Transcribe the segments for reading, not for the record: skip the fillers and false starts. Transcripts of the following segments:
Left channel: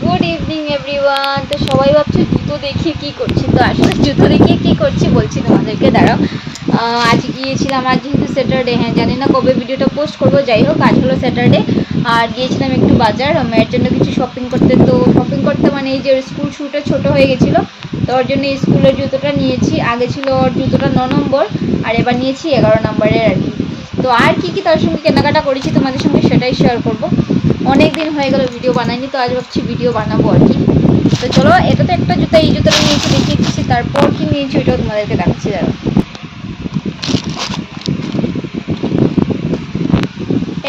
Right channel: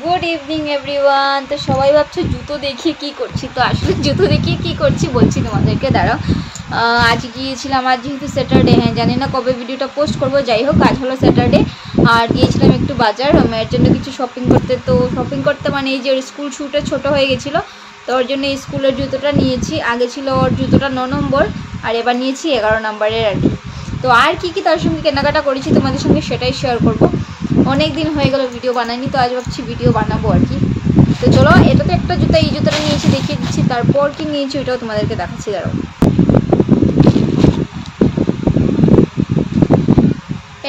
Good evening everyone. তো সবাই ভাবছে জুতো দেখিয়ে কী করছি, তো আসলে জুতো দেখিয়ে কী করছি বলছি তোমাদেরকে, দাঁড়াও। আজ গিয়েছিলাম, আজ যেহেতু স্যাটারডে, হ্যাঁ জানি না কবে ভিডিওটা পোস্ট করবো, যাই হোক আজ হলো স্যাটারডে। আর গিয়েছিলাম একটু বাজার মেয়ের জন্য কিছু শপিং করতে। তো শপিং করতে মানে এই যে স্কুল শ্যুটা ছোটো হয়ে গেছিলো, তো ওর জন্য স্কুলের জুতোটা নিয়েছি। আগে ছিল ওর জুতোটা 9 নম্বর, আর এবার নিয়েছি 11 নম্বরের আর কি। তো আর কী কী তার সঙ্গে কেনাকাটা করেছি তোমাদের সঙ্গে সেটাই শেয়ার করবো। অনেক দিন হয়ে গেল ভিডিও বানাইনি, তো আজ ভাবছি ভিডিও বানাবো আর কি। তো চলো, এটা তো একটা জুতা, এই জুতোটা নিয়েছি দেখিয়ে দিচ্ছি, তারপর কি নিয়েছি ওইটাও তোমাদেরকে দেখাচ্ছি, দাঁড়াও।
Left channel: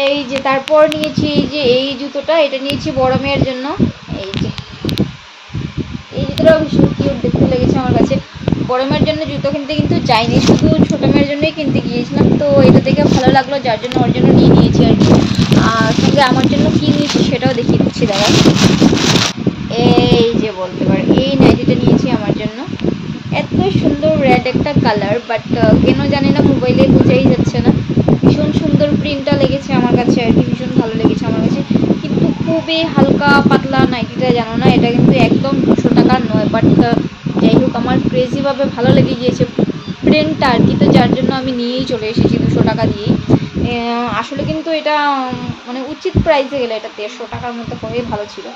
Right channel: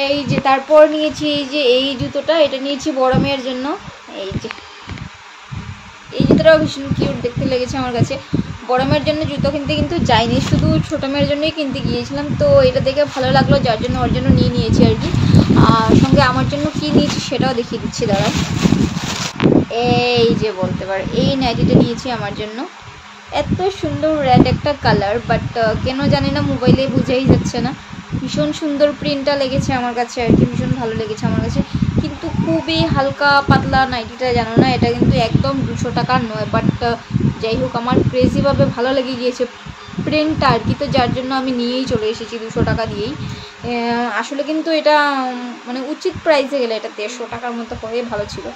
এই যে তারপর নিয়েছি এই যে এই জুতোটা, এটা নিয়েছি বড় মেয়ের জন্য। এই যে এই জুতোটাও ভীষণ কিউট দেখতে লেগেছে আমার কাছে। বড় মেয়ের জন্য জুতো কিনতে কিন্তু যাইনি, শুধু ছোটো মেয়ের জন্যই কিনতে গিয়েছিলাম। তো এটা দেখে ভালো লাগলো, যার জন্য ওর জন্য নিয়ে নিয়েছি আর কি। আর সঙ্গে আমার জন্য কী নিয়েছি সেটাও দেখিয়ে দিচ্ছি, দাঁড়া। এই যে বলতে পারো এই নাইটিটা নিয়েছি আমার জন্য। এত সুন্দর রেড একটা কালার, বাট কেন জানি না মোবাইলে বোঝাই যাচ্ছে না। ভীষণ সুন্দর প্রিন্টটা লেগেছে আমার কাছে আর কি, ভীষণ ভালো লেগেছে আমার কাছে। কিন্তু খুবই হালকা পাতলা নাইটিটা, জানো না এটা কিন্তু একদম 200 টাকার নয়, বাট যাই হোক আমার ক্রেজিভাবে ভালো লেগে গিয়েছে প্রিন্টটা আর কি। তো যার জন্য আমি নিয়েই চলে এসেছি 200 টাকা দিয়েই। আসলে কিন্তু এটা মানে উচিত প্রাইসে গেলে এটা 150 টাকার মতো হয়ে ভালো ছিল।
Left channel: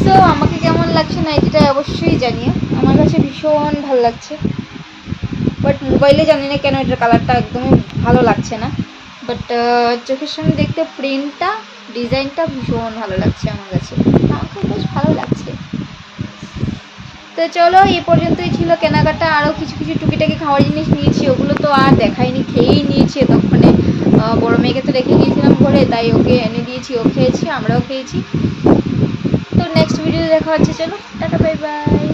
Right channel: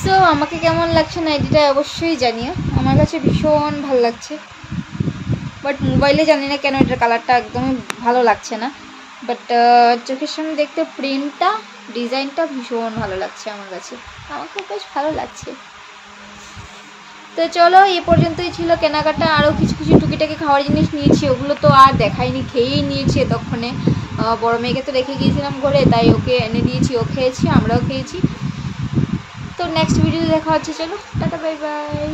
সো আমাকে কেমন লাগছে নাইটিটা অবশ্যই জানিয়ে, আমার কাছে ভীষণ ভালো লাগছে। বাট মোবাইলে জানি না কেন এটার কালারটা একদমই ভালো লাগছে না, বাট চোখের সামনে দেখতে প্রিন্টটা ডিজাইনটা ভীষণ ভালো লাগছে আমার কাছে, আমাকেও বেশ ভালো লাগছে। তো চলো, এই পর্যন্তই ছিল কেনাকাটা। আরও কিছু কিছু টুকিটাকি খাওয়ার জিনিস নিয়েছি, ওগুলো তো আর দেখাইনি, খেয়েই নিয়েছি এতক্ষণে। বড় মেয়েকে তো রেখে গিয়েছিলাম ঘরে, তাই ওকে এনে দিয়েছি, ও খেয়েছি, আমরাও খেয়েছি। তো নেক্সট ভিডিওতে দেখা হচ্ছে, চলো টাটা বাই বাই।